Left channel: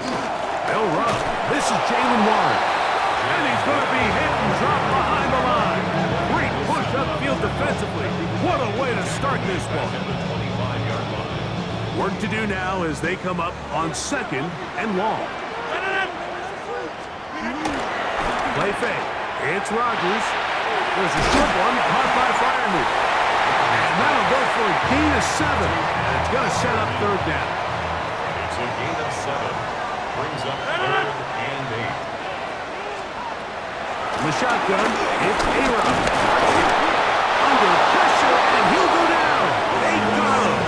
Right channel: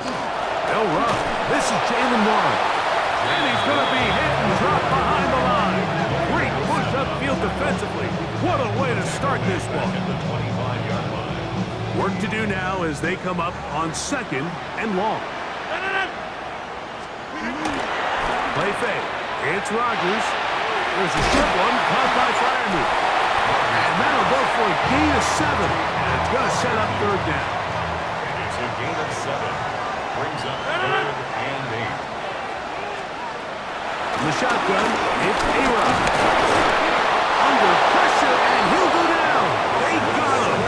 They'll run. This is Jalen Warren. And he's going to be hit and dropped behind the line. Great push upfield defensively. What a way to start this one. Work to do now as they come up on 2nd and long. Play fake. It's Rodgers. There's a short one caught by Freiermuth. And that'll go for a gain of 7. And it's going to set up 3rd down. It's a gain of 7. Brings up 3rd and 8. In the shotgun, it's A-Rod. Under pressure, and he'll go down. They got him.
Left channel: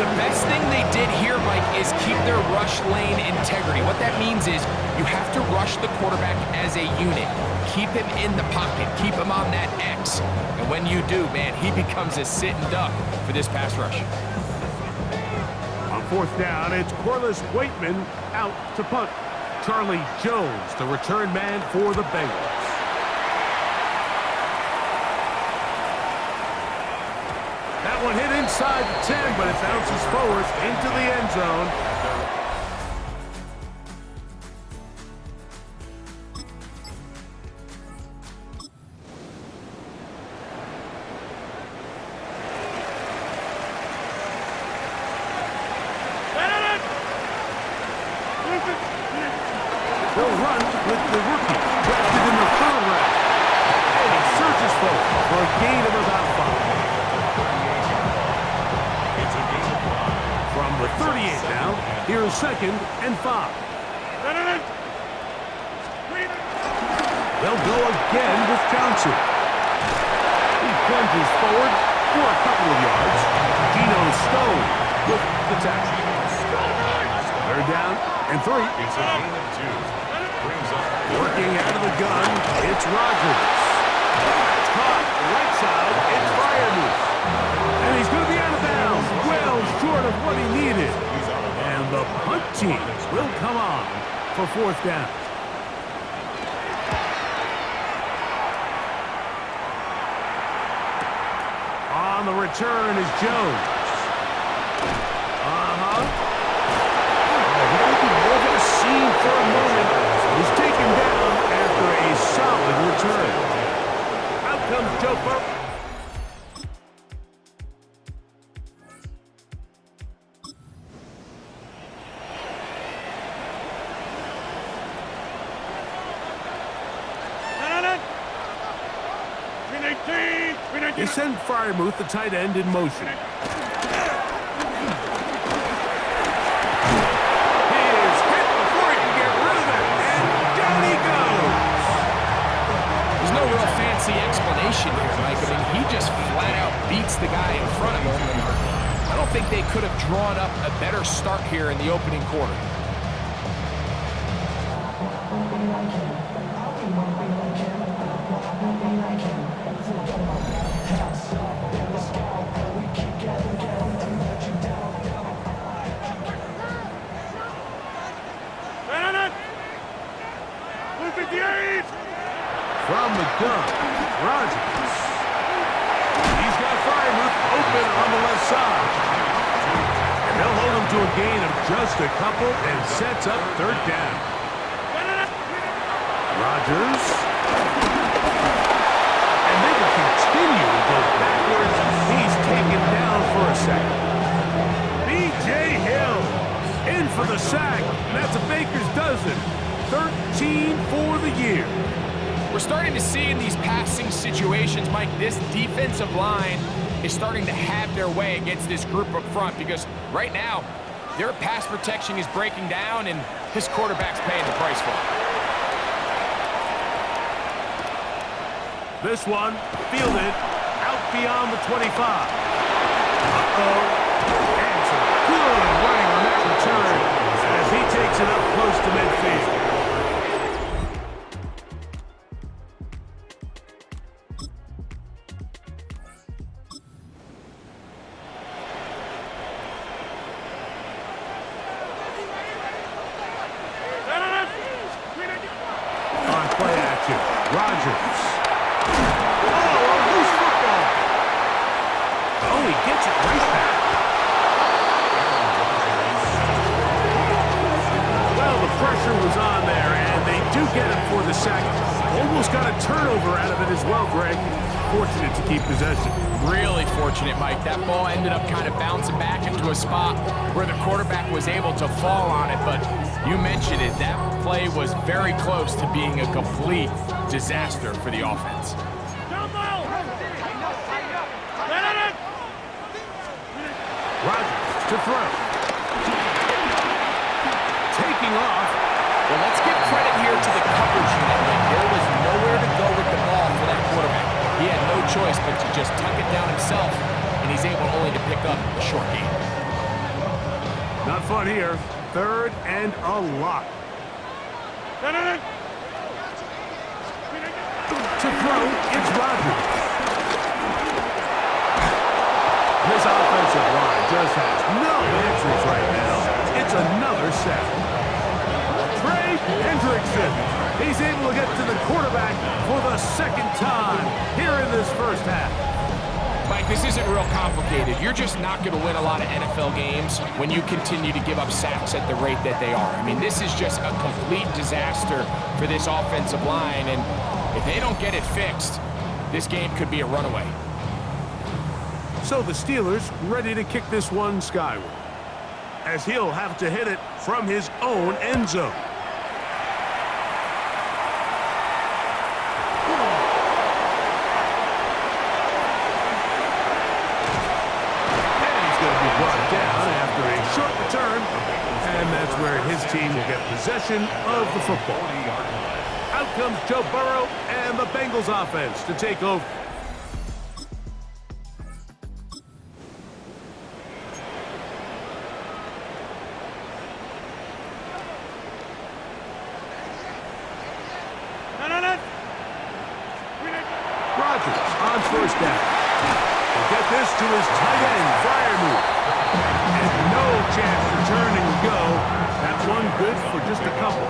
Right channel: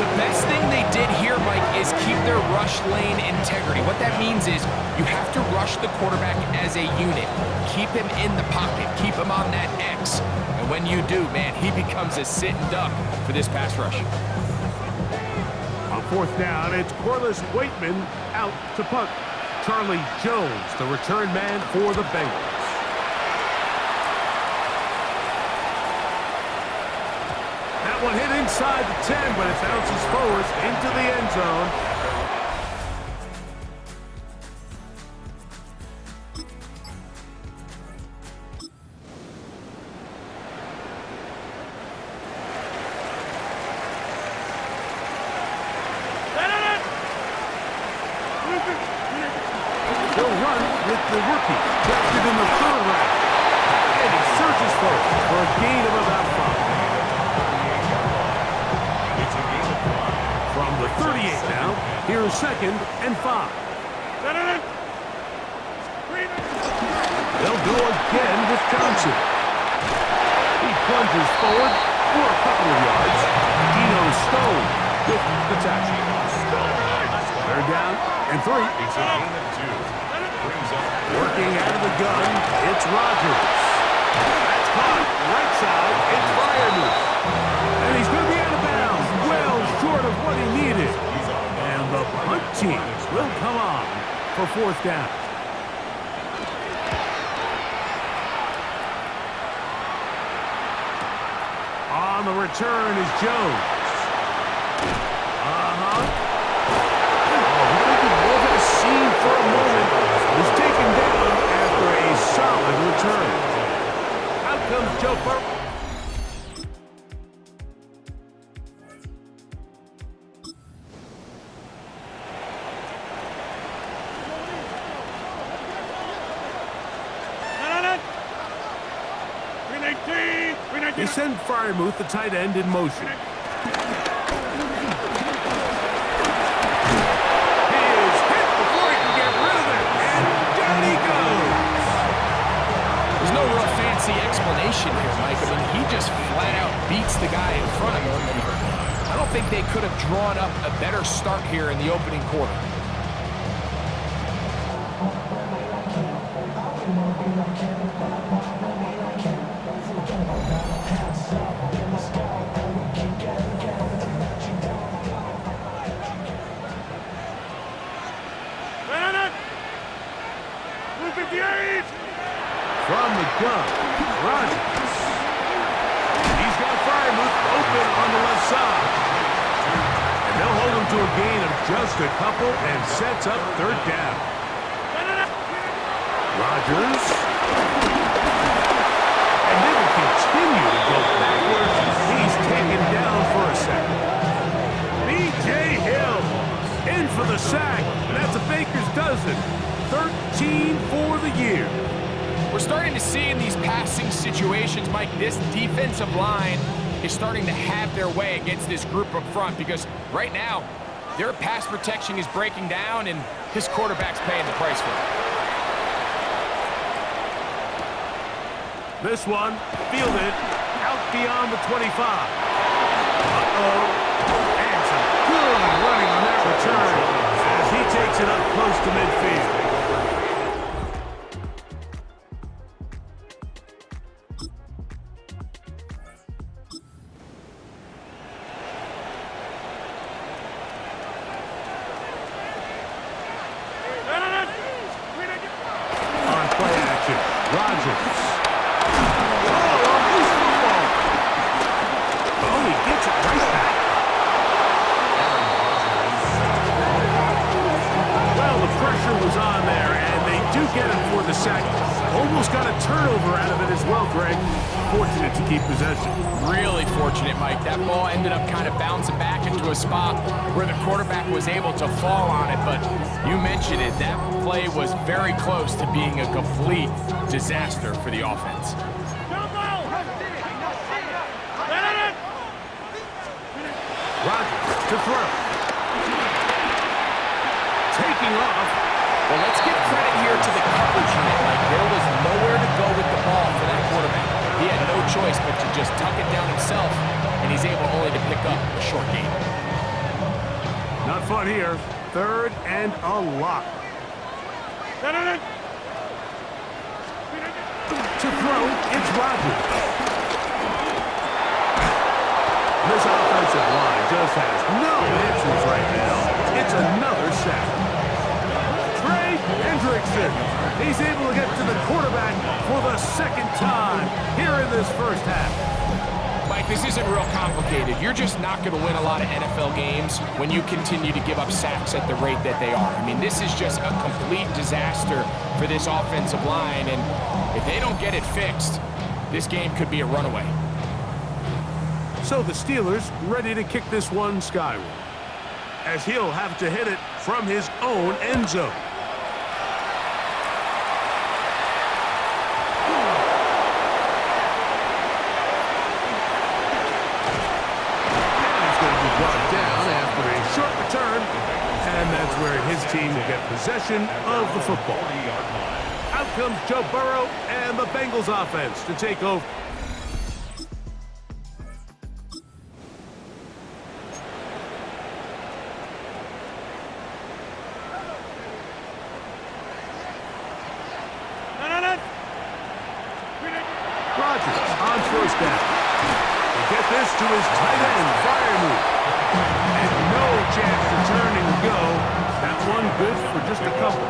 The best thing they did here, Mike, is keep their rush lane integrity. What that means is you have to rush the quarterback as a unit. Keep him in the pocket. Keep him on that X. And when you do, man, he becomes a sit and duck for this pass rush. On 4th down, it's Corliss Waitman out to punt. Charlie Jones, the return man for the Bengals. That one hit inside the 10, but it bounces forward into the end zone. They'll run with the rookie, drafted in the 3rd round. And he surges forward for a gain of about 5. It's a gain of 5. From the 38 now, here's 2nd and 5. They'll go again with Johnson. He plunges forward for a couple of yards. Geno Stone with the tackle. 3rd down and 3. It's a gain of 2. Brings up working out of the gun. It's Rodgers. That's caught right side. It's Freiermuth. And he's going to be out of bounds. Well short of what he needed. And the punt team will come on for 4th down. On the return is Jones. Scene for a moment was taken down after a solid return. Out comes Joe Burrow. They send Freiermuth, the tight end, in motion. Explanation here, Mike. I mean, he just flat out beats the guy in front of him, and I don't think they could have drawn up a better start here in the opening quarter. From the gun, Rodgers. He's got Freiermuth open on the left side. And they'll hold him to a gain of just a couple and sets up 3rd down. Rodgers. And they will continue to go backwards. He's taken down for a sack. B.J. Hill in for the sack. And that's a baker's dozen. 13 for the year. We're starting to see in these passing situations, Mike, this defensive line is starting to have their way against this group up front because right now, their pass protection is breaking down and his quarterback's paying the price for it. This one, fielded out beyond the 25. Uh-oh. And some good running on that return as he takes it up close to midfield. Rodgers. Oh, a loose football. Oh, he gets it right back. pressure was on there, and they do get him for the sack. Almost got a turnover out of it as well, Greg. Fortunate to keep possession. Really fortunate, Mike. That ball ended up kind of bouncing back into a spot where the quarterback was able to fall on it, but you mentioned it. That play was very close to being a complete disaster for the offense. Rodgers to throw. Taking off. Well, let's give credit here to the coverage unit, Mike. There was nowhere to go with the ball for that quarterback. He had no choice but to just tuck it down himself, and he's able only to pick up a short gain. Not fun here. 3rd and a lot. To throw, it's Rodgers. This offensive line just has no answers right now. It's another sack. Trey Hendrickson. He's able to get to the quarterback for the 2nd time here in this first half. Mike, this isn't real complicated. You're just not going to win a lot of NFL games when you continue to give up sacks at the rate that they are. I mean, this is just a complete disaster for this offensive line, and if they don't get it fixed, this game could be a runaway. So the Steelers ready to kick this one skyward, as he'll have to hit it from his own end zone. Brought down after a short return, and that's where his team will get possession of the football. Out comes Joe Burrow and the Bengals offense to take over. Rodgers on 1st down. He'll get this to his tight end, Freiermuth. And no chance to turn and go. That one good for just a couple.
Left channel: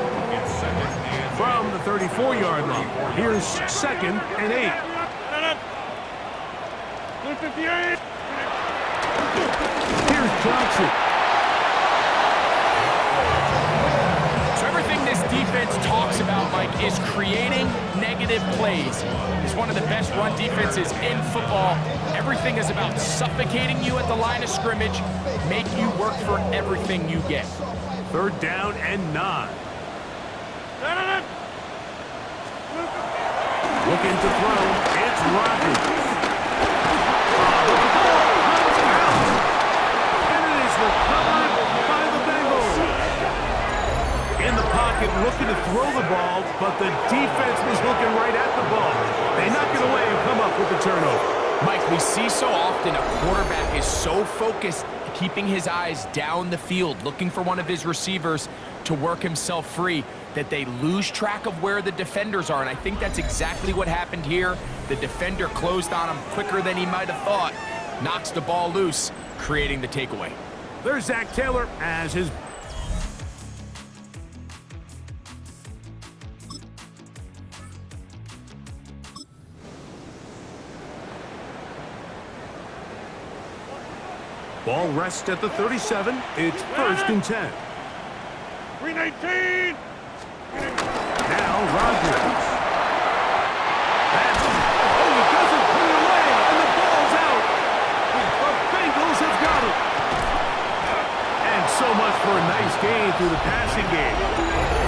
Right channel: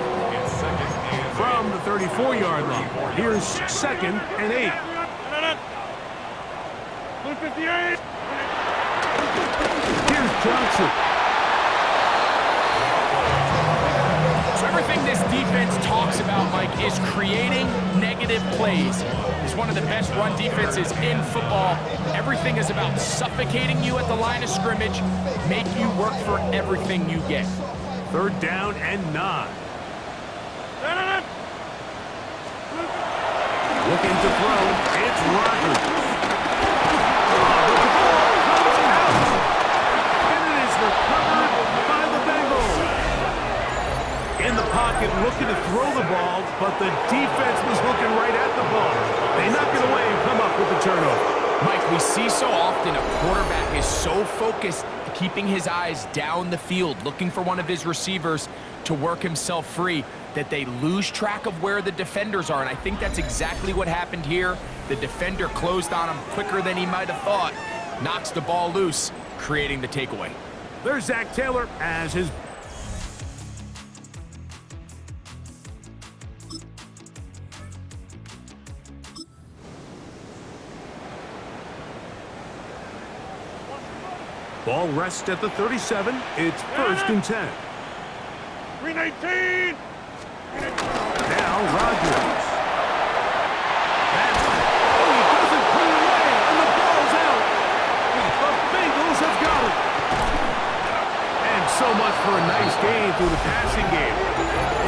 From the 34-yard line, here's 2nd and 8. Here's Johnson. So everything this defense talks about, Mike, is creating negative plays. It's one of the best run defenses in football. Everything is about suffocating you at the line of scrimmage, make you work for everything you get. 3rd down and 9. Looking to throw, it's Rodgers. The ball comes out, and it is recovered by the Bengals. In the pocket, looking to throw the ball, but the defense was looking right at the ball. They knock it away and come up with the turnover. Mike, we see so often a quarterback is so focused, keeping his eyes down the field, looking for one of his receivers to work himself free, that they lose track of where the defenders are, and I think that's exactly what happened here. The defender closed on him quicker than he might have thought, knocks the ball loose, creating the takeaway. There's Zach Taylor as his... Ball rests at the 37. It's 1st and 10. 319. Now Rodgers. He doesn't put it away, and the ball's out. The Bengals have got it. And so much for a nice gain through the passing game.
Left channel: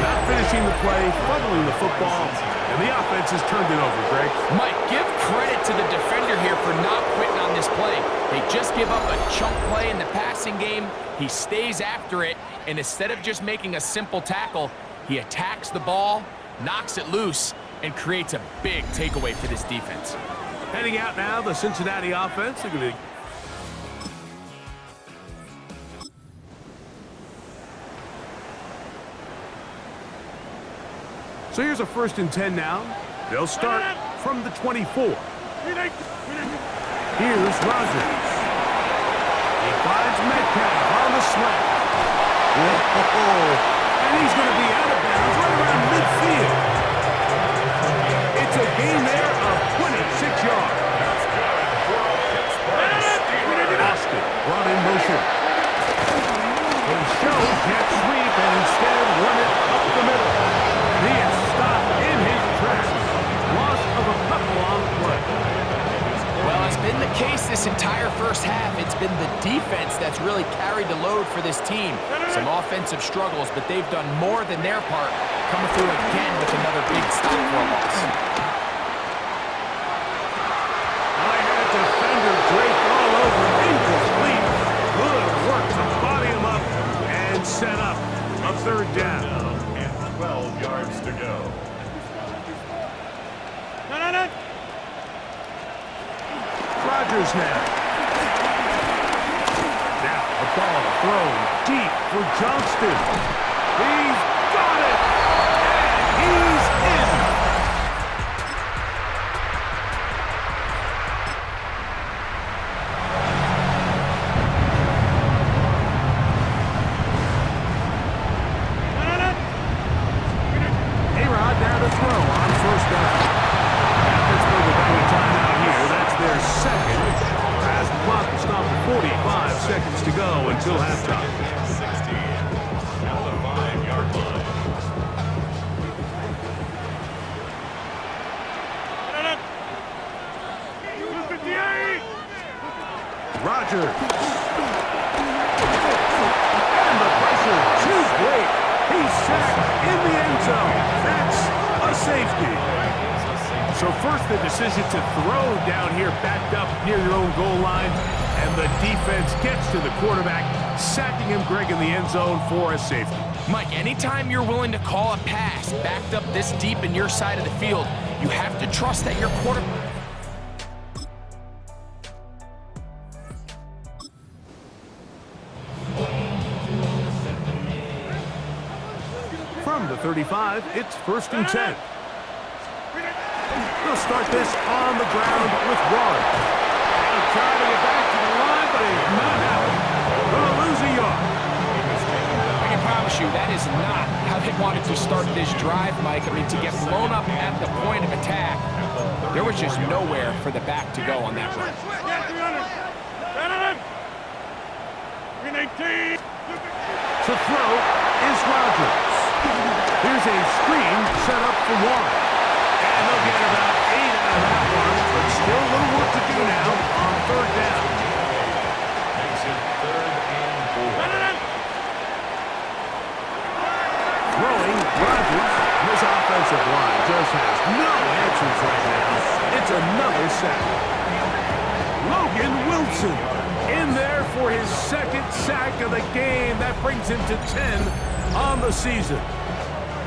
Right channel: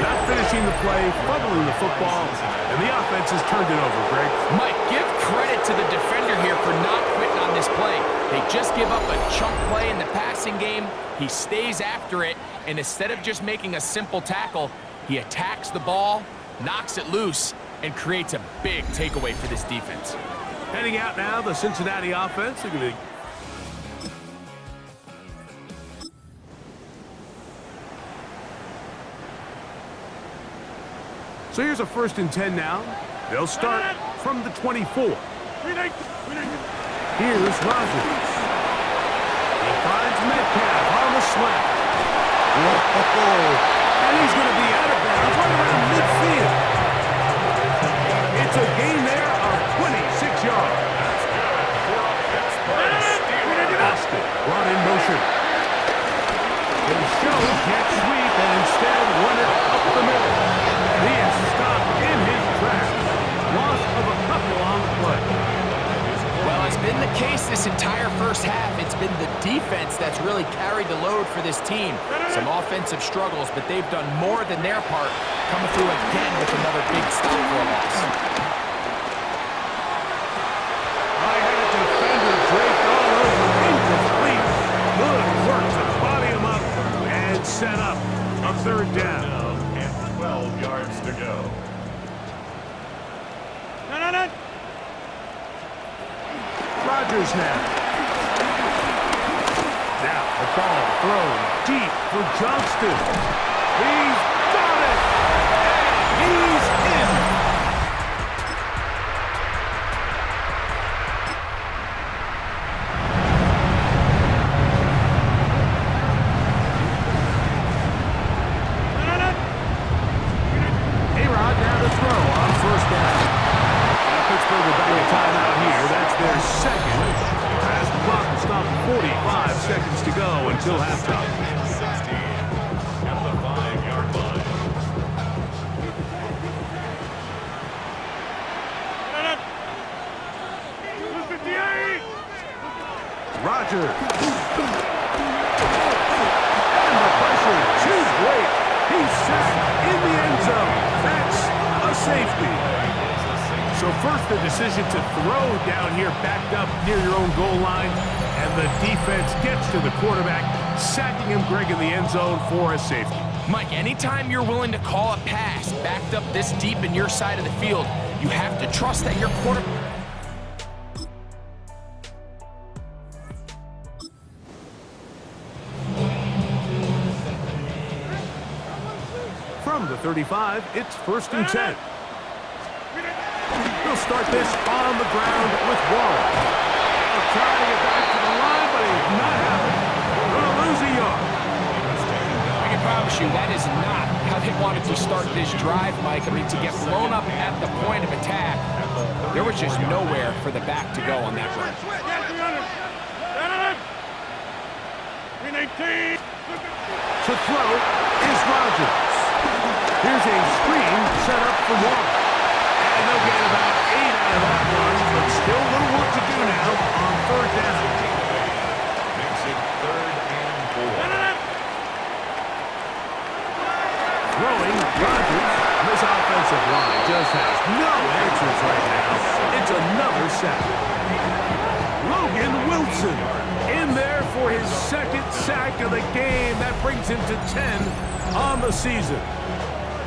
Not finishing the play, fumbling the football, and the offense has turned it over, Greg. Mike, give credit to the defender here for not quitting on this play. They just give up a chunk play in the passing game. He stays after it, and instead of just making a simple tackle, he attacks the ball, knocks it loose, and creates a big takeaway for this defense. Heading out now, the Cincinnati offense. Look at it. So here's a 1st and 10 now. They'll start from the 24. Here's Rodgers. He finds Metcalf on the slant. Whoa! And he's going to be out of bounds right around midfield. It's a gain there of 26 yards. That's good for a Pittsburgh Steelers. Austin brought in motion. They show jet sweep and instead run it up the of a couple on the play. Well, it's been the case this entire first half. It's been the defense that's really carried the load for this team. Some offensive struggles, but they've done more than their part, coming through again with another big stop for a loss. I had a defender draped all over, incomplete. Good work to body him up and set up a third down. And 12 yards to go. Rodgers now. Now a ball thrown deep for Johnston. He's got it! And he's in! A-Rod now to throw on first down. Pittsburgh will bang a timeout here. That's their second. As the clock will stop at 45 seconds to go until halftime. 16 at the 5-yard line. Rodgers. And the pressure too great. He's sacked in the end zone. That's a safety. So first, the decision to throw down here backed up near your own goal line, and the defense gets to the quarterback, sacking him, Greg, in the end zone for a safety. Mike, anytime you're willing to call a pass backed up this deep in your side of the field, you have to trust that your quarterback... From the 35, it's 1st and 10. He'll start this on the ground with Warren. He'll try to get back to the line, but he's not happening. Gonna lose a yard. I can promise you that is not how they wanted to start this drive, Mike. I mean, to get blown up at the point of attack, there was just nowhere for the back to go on that run. To throw is Rodgers. Here's a screen set up for Warren. And they'll get about 8 out of that one, but still a little work to do now on third down. Makes it 3rd and 4. Throwing Rodgers. This offensive line just has no answers right now. It's another sack. Logan Wilson in there for his 2nd sack of the game. That brings him to 10 on the season.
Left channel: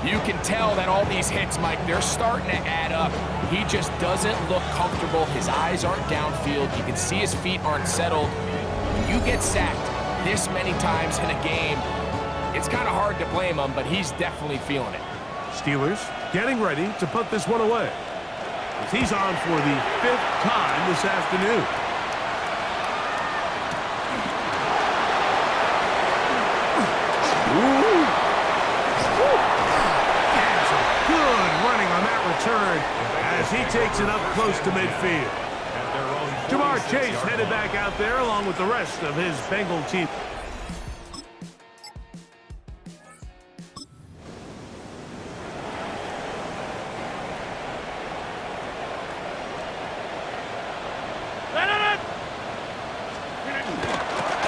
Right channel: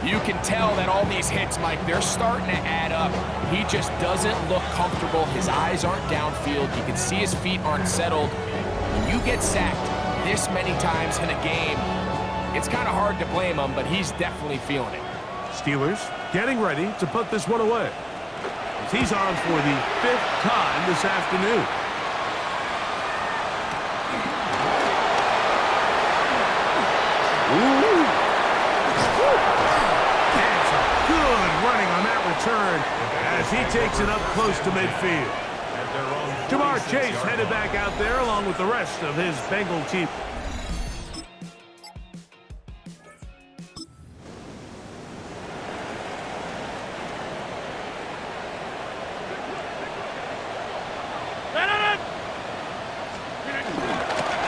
You can tell that all these hits, Mike, they're starting to add up. He just doesn't look comfortable. His eyes aren't downfield. You can see his feet aren't settled. When you get sacked this many times in a game, it's kind of hard to blame him, but he's definitely feeling it. Steelers getting ready to put this one away, as he's on for the 5th time this afternoon. Ooh. And some good running on that return as he takes it up close to midfield. Jamar Chase headed back out there along with the rest of his Bengal team.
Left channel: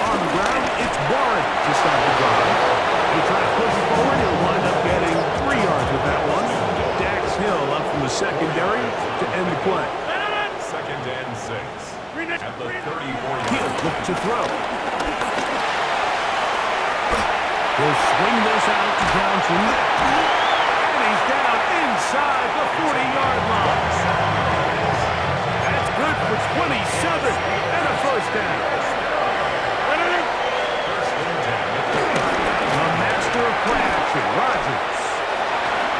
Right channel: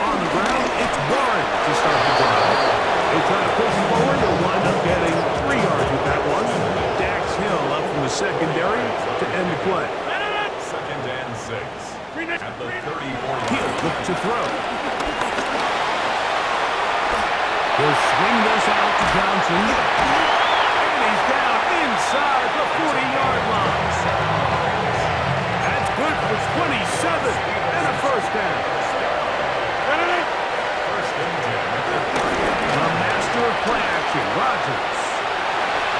On the ground, it's Warren to start the drive. He'll try to push forward. He'll wind up getting 3 yards with that one. Dax Hill up from the secondary to end the play. 2nd and 6. At the 34-yard He'll look to throw. He'll swing this out to Johnson. And he's down inside the 40-yard line. That's good for 27 and a first down. The master of play action, Rodgers.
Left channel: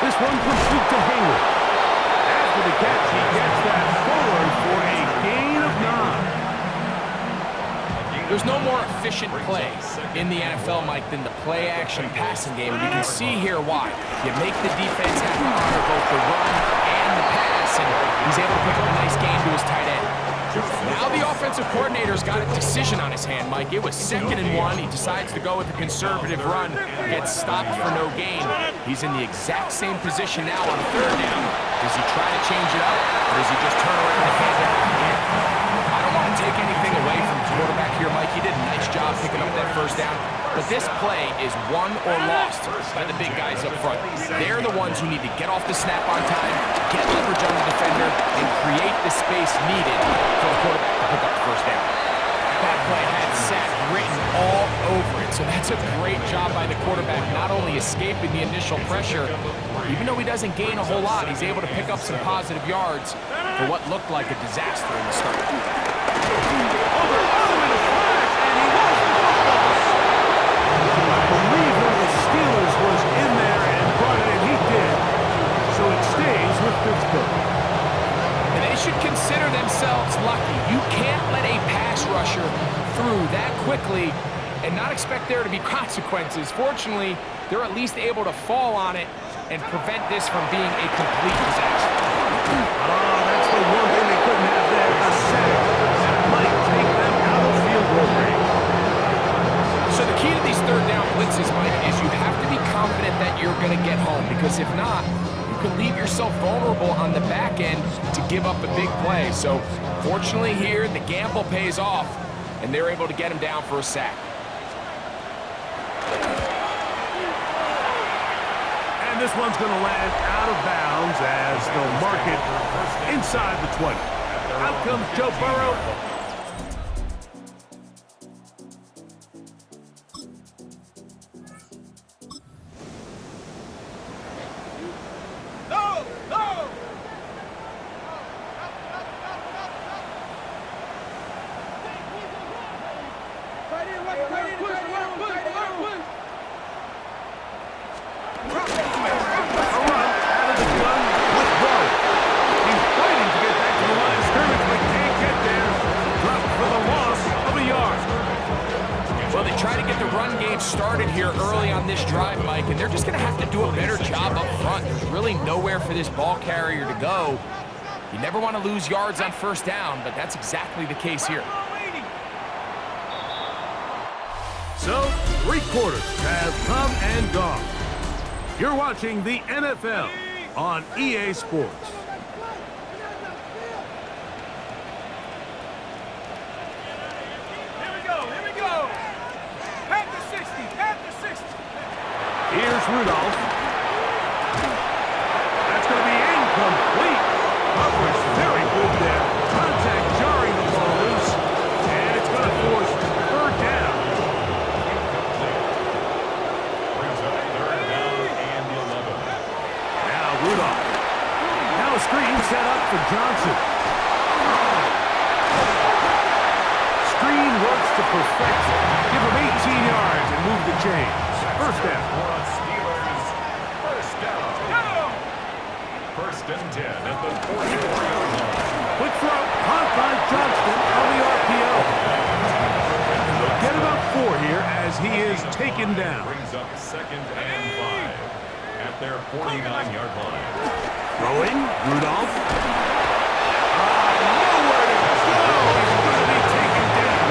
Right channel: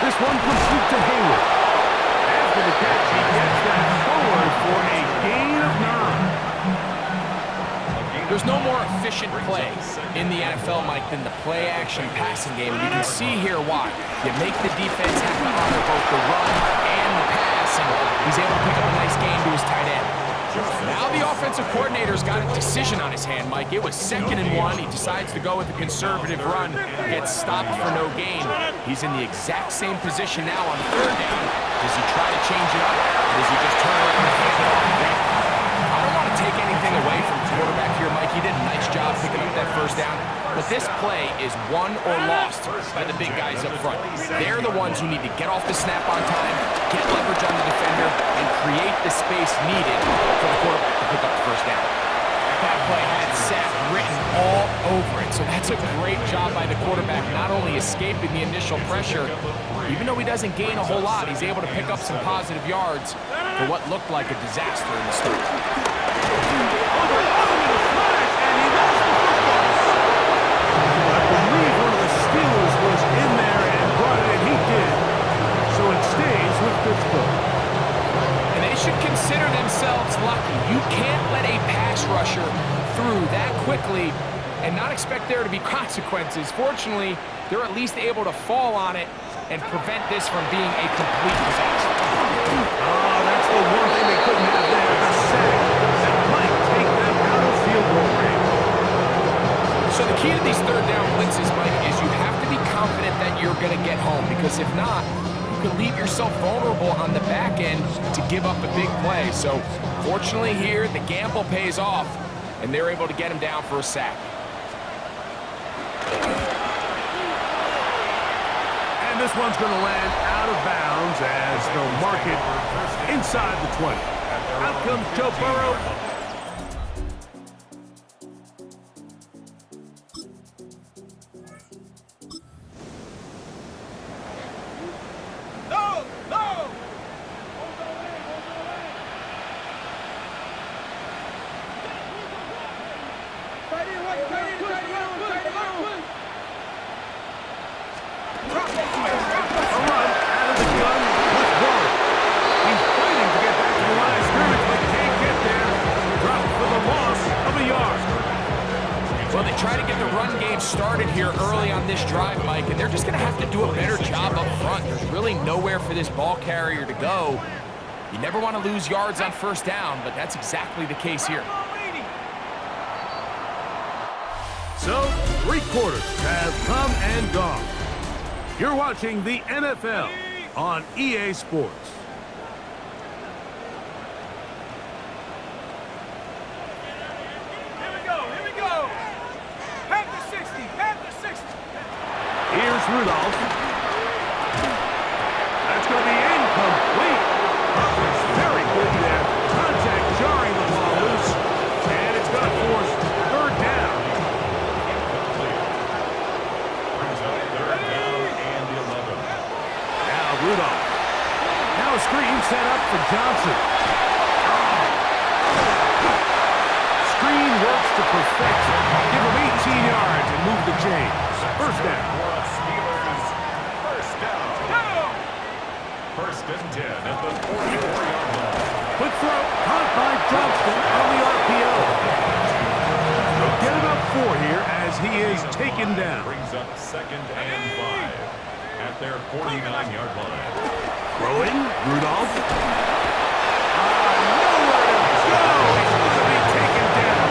This one complete to Hayward. After the catch, he gets that forward for a gain of 9. There's no more efficient play in the NFL, Mike, than the play action passing game. And you can see here why. You make the defense have to honor both the run and the pass, and he's able to pick up a nice gain to his tight end. Now the offensive coordinator's got a decision on his hand, Mike. It was 2nd and 1. He decides to go with a conservative run, gets stopped for no gain. He's in the exact same position now on 3rd down. Does he try to change it up, or does he just turn around and hand it off again? I don't want to take anything away from the quarterback here, Mike. He did a nice job picking up that 1st down. But this play is won or lost by the big guys up front. They're the ones who need to get off the snap on time, get leverage on the defender, and create the space needed for the quarterback to pick up the 1st down. That play had sack written all over it, so that's a great job by the quarterback, not only escaping the initial pressure, even though he doesn't gain a whole lot, he's able to pick up some positive yards for what looked like a disaster in the start. Over in a flash, and he lost the football. I believe one of the Steelers was in there and brought it in. He did. So it stays with Pittsburgh. And they should consider themselves lucky. You can't let a pass rusher through that quickly and not expect there to be consequences. Fortunately, they're at least able to fall on it and prevent this from being a complete disaster. Oh, that's the one thing they couldn't have there, the sack. That might take them out of field goal range. So the key to these 3rd down blitzes, Mike, is you have to be confident that you're going to get home, because if not, you can leave yourself vulnerable on the back end to give up a big play. So fortunately here, the gamble pays off, and they're able to get him down for a sack. And this one's going to land out of bounds as they'll mark it inside the 20. Out comes Joe Burrow. Well, they try to get the run game started here early on this drive, Mike, and they're just going to have to do a better job up front. There's really nowhere for this ball carrier to go. You never want to lose yards on 1st down, but that's exactly the case here. So, 3 quarters have come and gone. You're watching the NFL on EA Sports. Here's Rudolph. That's going to be incomplete. Coverage very good there. Contact jarring the ball loose. And it's going to force 3rd down. Incomplete. Brings up 3rd down and 11. Now Rudolph. Now a screen set up for Johnson. Screen works to perfection. Give him 18 yards and move the chains. 1st down. Steelers, 1st down. 1st and 10 at the 44-yard line. Quick throw, caught by Johnston on the RPO. And they'll get about 4 here as he is taken down. Brings up 2nd and 5 at their 49-yard line. Throwing, Rudolph. Nowhere to go. He's going to be taken down.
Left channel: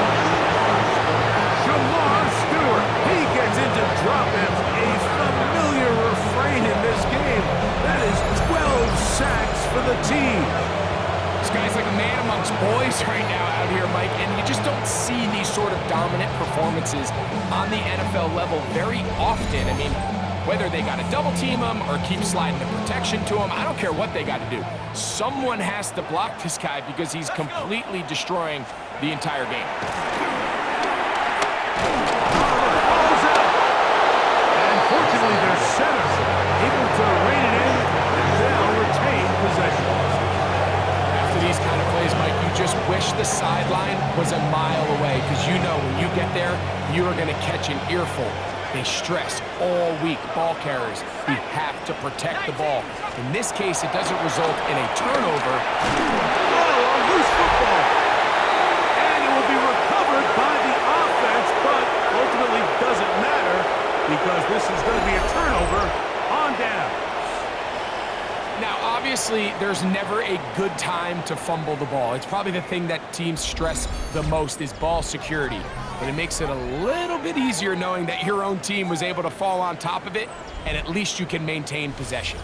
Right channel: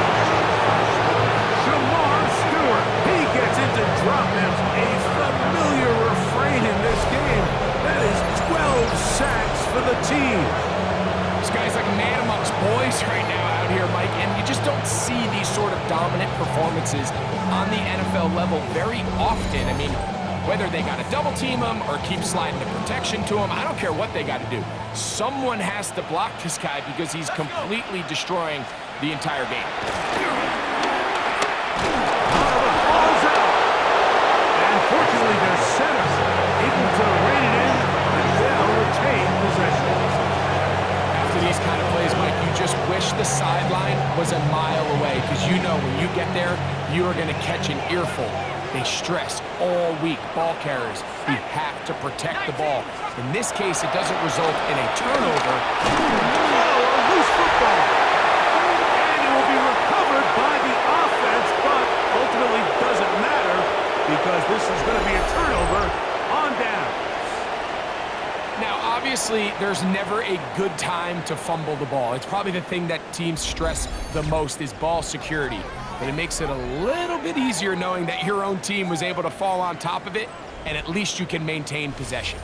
Shamar Stewart. He gets in to drop him. A familiar refrain in this game. That is 12 sacks for the team. This guy's like a man amongst boys right now out here, Mike, and you just don't see these sort of dominant performances on the NFL level very often. I mean, whether they got to double team him or keep sliding the protection to him, I don't care what they got to do. Someone has to block this guy because he's completely destroying the entire game. The ball's out. And fortunately, their center able to rein it in, and they'll retain possession. After these kind of plays, Mike, you just wish the sideline was a mile away, because you know when you get there, you are going to catch an earful. They stress all week, ball carriers. We have to protect the ball. In this case, it doesn't result in a turnover. Oh, a loose football. And it will be recovered by the offense, but ultimately doesn't matter because this is going to be a turnover on down. Now, obviously, there's never a good time to fumble the ball. It's probably the thing that teams stress the most is ball security. But it makes it a little bit easier knowing that your own team was able to fall on top of it, and at least you can maintain possession.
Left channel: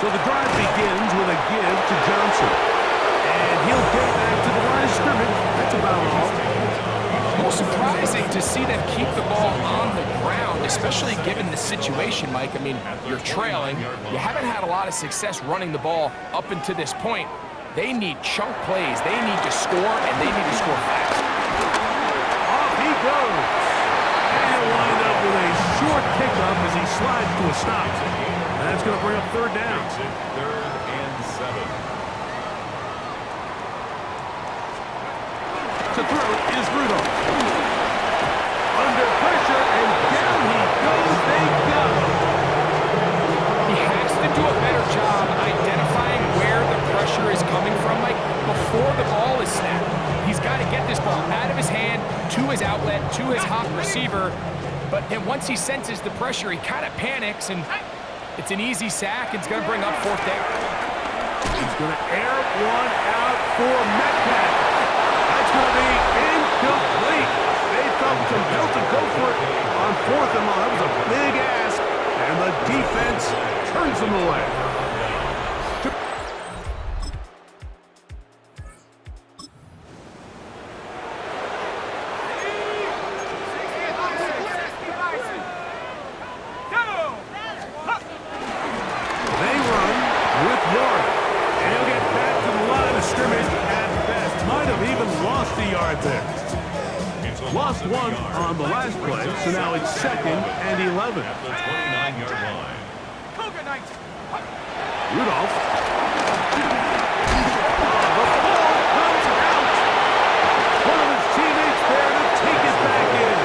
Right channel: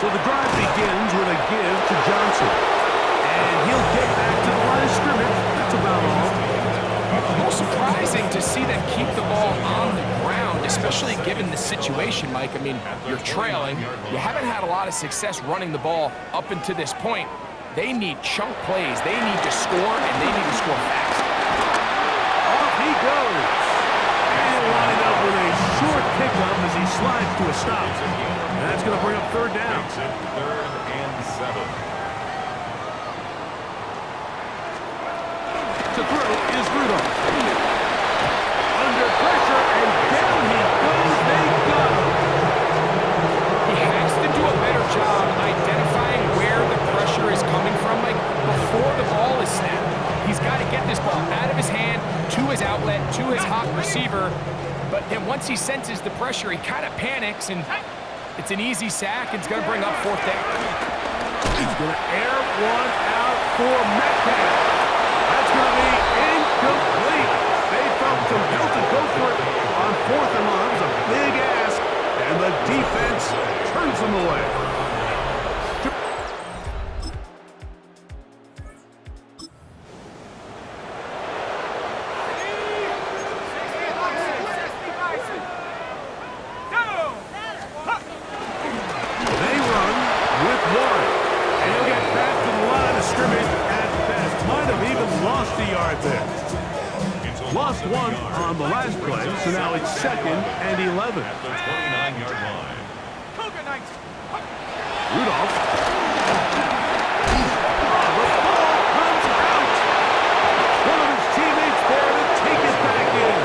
So the drive begins with a give to Johnson. And he'll get back to the line of scrimmage. That's about all. A little surprising to see them keep the ball on the ground, especially given the situation, Mike. I mean, you're trailing. You haven't had a lot of success running the ball up until this point. They need chunk plays. They need to score, and they need to score fast. Off he goes. And he'll wind up with a short pickup as he slides to a stop. And that's going to bring up third down. Third and 7. To throw is Rudolph. Under pressure, and down he goes. They got him. He has to do a better job identifying where the pressure is coming from, Mike, before the ball is snapped. He's got to get this ball out of his hand to his outlet, to his hot receiver. But then once he senses the pressure, he kind of panics, and it's an easy sack. It's going to bring up fourth down. He's going to air one out for Metcalf. That's going to be incomplete. They felt compelled to go for it on 4th and long. That was a big ask, and the defense turns them away. They run with Warren, and he'll get back to the line of scrimmage at best. Might have even lost a yard there. Lost one on the last play, so now it's 2nd and 11. At the 29-yard line. Rudolph. The ball comes out. One of his teammates there to take it back in.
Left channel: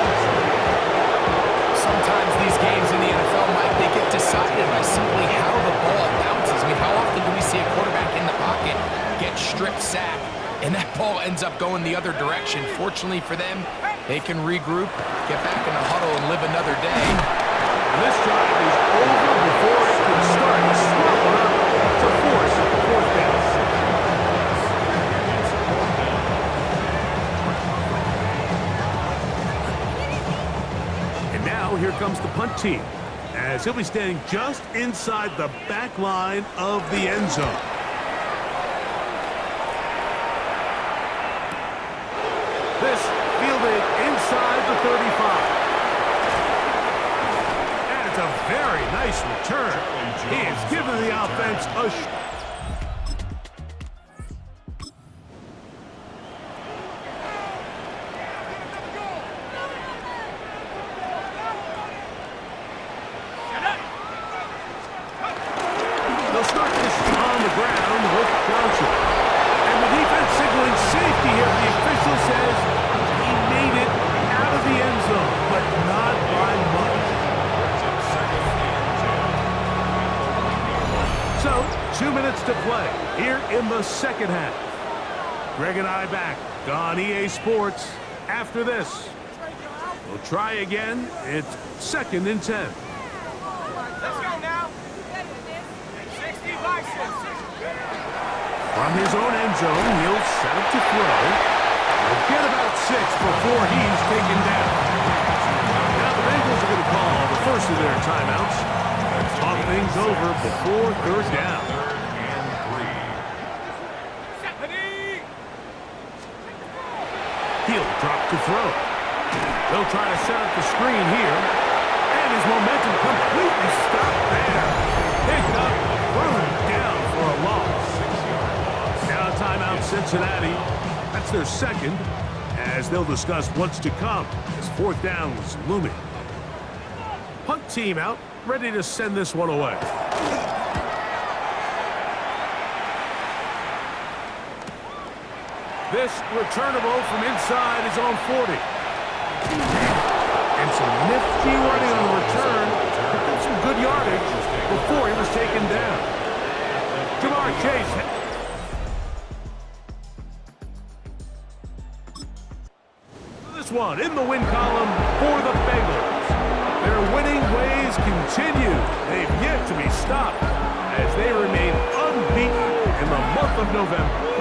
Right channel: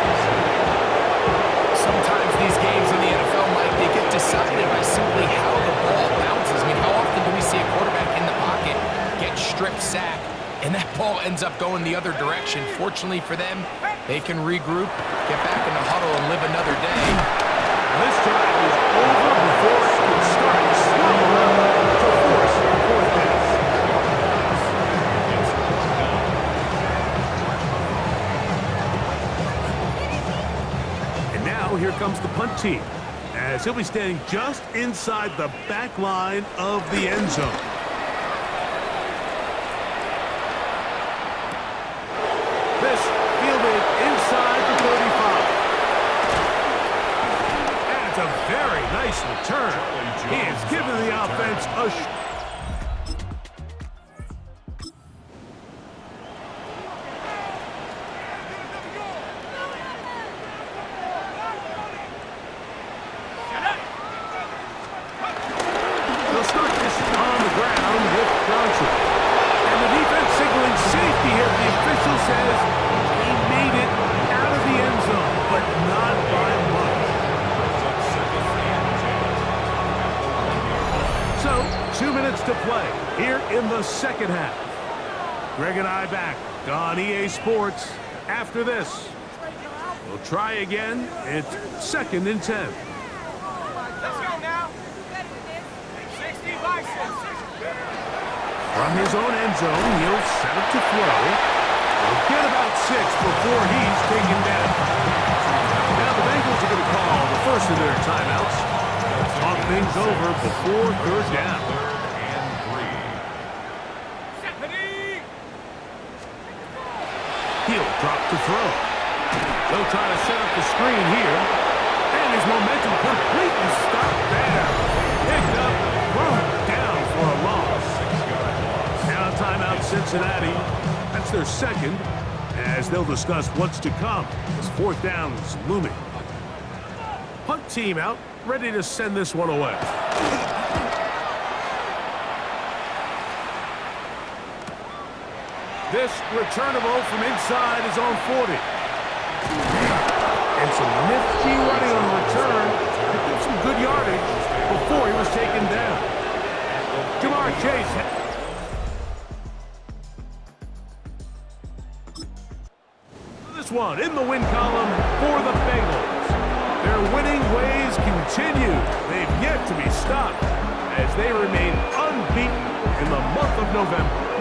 Sometimes these games in the NFL, Mike, they get decided by simply how the ball bounces. I mean, how often do we see a quarterback in the pocket get strip sacked, and that ball ends up going the other direction? Fortunately for them, they can regroup, get back in the huddle, and live another day. And this drive is over before it can start. He's swallowed up to force fourth down. And now here comes the punt team, as he'll be standing just inside the back line of the end zone. This fielded inside the 35. And it's a very nice return. He has given the offense a They'll start this on the ground with Johnson. And the defense signaling safety here. The official says he made it out of the end zone, but not by much. So, 2 minutes to play here in the second half. Greg and I back on EA Sports after this. We'll try again. It's 2nd and 10. Let's go now. 60 by 6. From his own end zone, he'll set up to throw. He'll get about 6 before he's taken down. Now the Bengals are going to call the first of their timeouts. Talk things over before third down. Third and 3. He'll drop to throw. They'll try to set up the screen here. And his momentum completely stopped there. Picked up, thrown down for a loss. 6-yard loss. Now timeout Cincinnati. That's their second, as they'll discuss what's to come as fourth down is looming. Punt team out, ready to send this one away. This returnable from inside his own 40. And some nifty running on the return. Picked up some good yardage before he was taken down. Jamar Chase. This one in the win column for the Bengals. Their winning ways continue. They've yet to be stopped as they remain unbeaten in the month of November.